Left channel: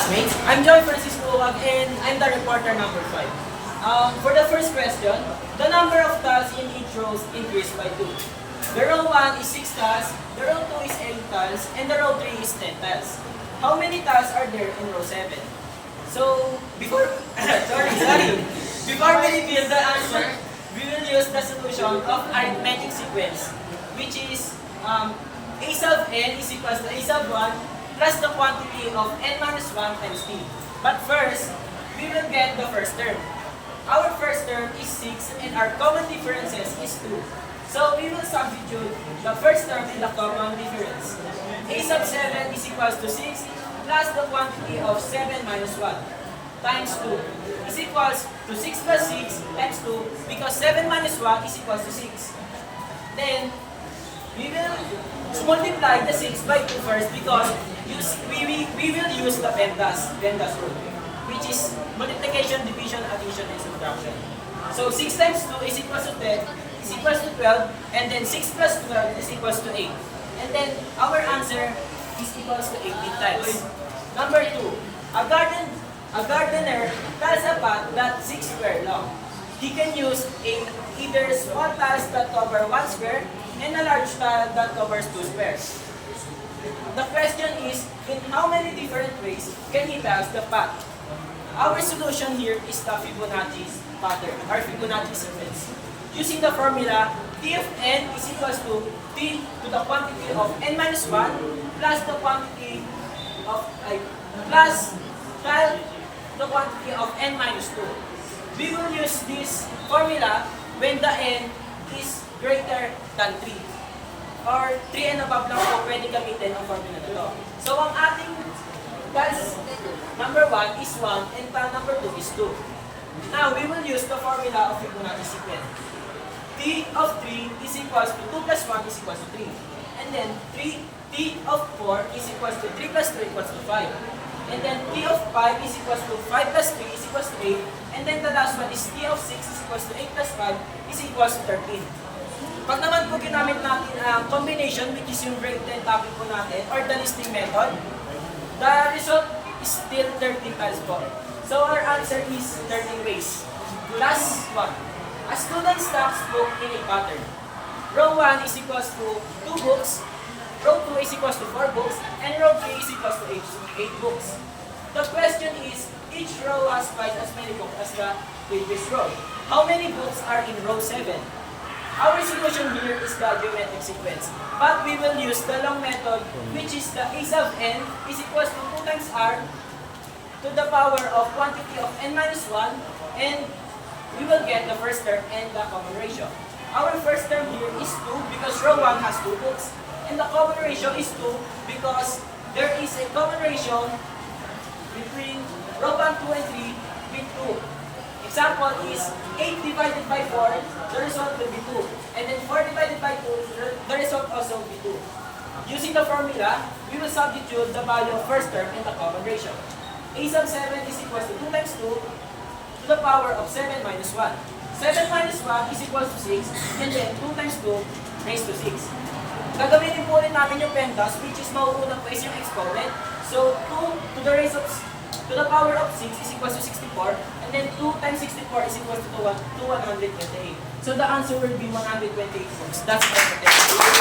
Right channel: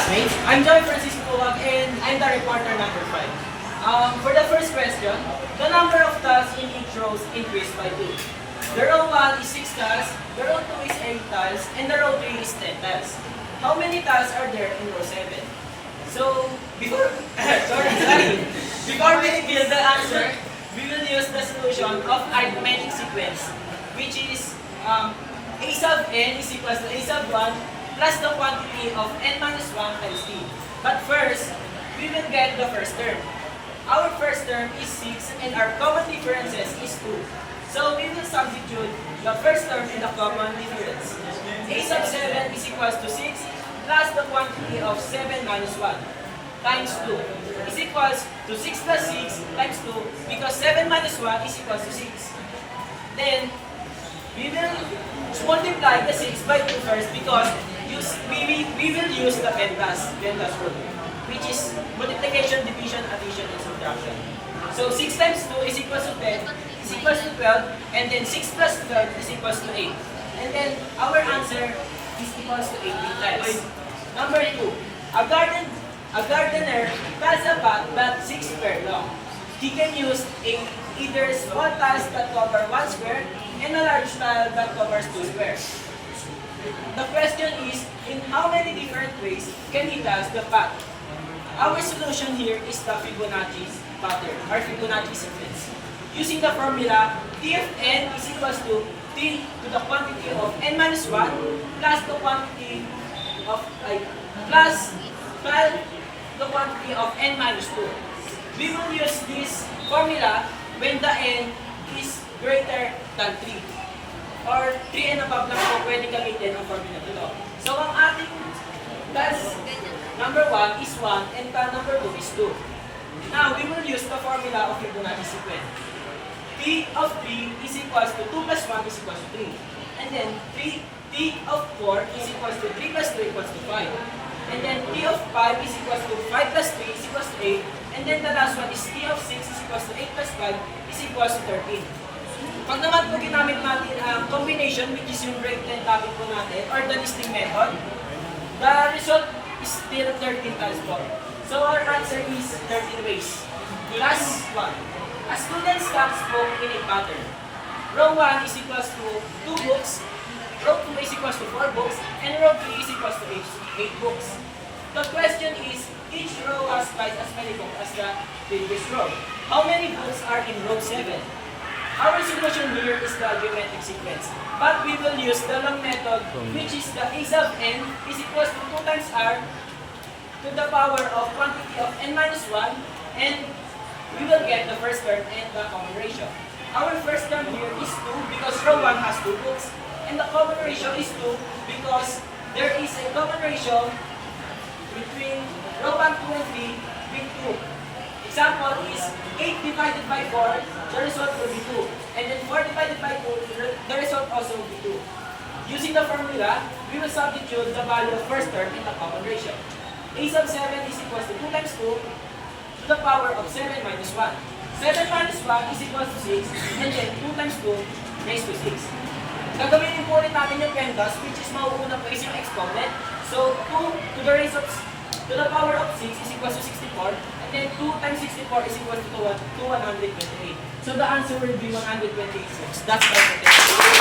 classmates, I'm Joy Francisco and I'm the reporter number 5. For the first question, the number of tiles in each row increased by 2. The row 1 is 6 tiles, the row 2 is 8 tiles, and the row 3 is 10 tiles. How many tiles are there in row 7? So, before before we reveal the answer, we will use the solution of arithmetic sequence, which is a sub n is equals to a sub 1 plus the quantity of n minus 1 times t. But first, we will get the first term. Our first term is 6 and our common differences is 2. So we will substitute the first term in the common difference. A sub 7 is equals to 6 plus the quantity of 7 minus 1 times 2 is equals to 6 plus 6 times 2 because 7 minus 1 is equals to 6. Then, we will multiply the 6 by 2 first because we will use the PEMDAS rule, which is multiplication, division, addition, and subtraction. So 6 times 2 is equals to 10, is equals to 12, and then 6 plus 12 is equals to 8. And then our answer is equals to 18 tiles. Number 2, a gardener tiles a path that 6 square long. He can use either small tiles that cover 1 square and a large tile that covers 2 squares. The question is, in how many different ways can he tiles the path? Our solution here is the Fibonacci pattern, or Fibonacci sequence. Using the formula, T of n is equals to T to the quantity of n minus 1 plus the quantity of, plus 12 the quantity of n minus 2. We will use this formula when the n is greater than 3. Or 3 and above lang po pwede gamitin ang formula nito. So ang ating tiles number 1 is 1 and tile number 2 is 2. Now we will use the formula of Fibonacci sequence. T of 3 is equals to 2 plus 1 is equals to 3. And then T of 4 is equals to 3 plus 2 equals to 5. And then T of 5 is equals to 5 plus 3 is equals to 8. And then the last one is T of 6 is equals to 8 plus 5 is equals to 13. Pag naman po ginamit natin ang combination, which is yung break-10 topic po natin, or the listing method, the result is still 13 tiles po. So our answer is 13 ways. Last one. A student stacks book in a pattern. Row 1 is equals to 2 books, row 2 is equals to 4 books, and row 3 is equals to 8 books. The question is, each row has twice as many books as the previous row. How many books are in row 7? Our solution here is the geometric sequence, but we will use the long method, which is the a sub n is equals to 2 times r to the power of quantity of n minus 1, and we will get the first term and the common ratio. Our first term here is 2 because row 1 has 2 books, and the common ratio is 2 because there is a common ratio between row 1, 2, and 3 with 2. Example is 8 divided by 4, the result will be 2. And then 4 divided by 2, the result also will be 2. Using the formula, we will substitute the value of first term in the common ratio. A sub 7 is equals to 2 times 2 to the power of 7 minus 1. 7 minus 1 is equals to 6, and then 2 times 2 raised to 6. Gagamitin po ulit natin yung PEMDAS, which is mauuna po is yung exponent. So 2 to the power of 6 is equals to 64, and then 2 times 64 is equals to 128. So the answer will be 128 books. That's my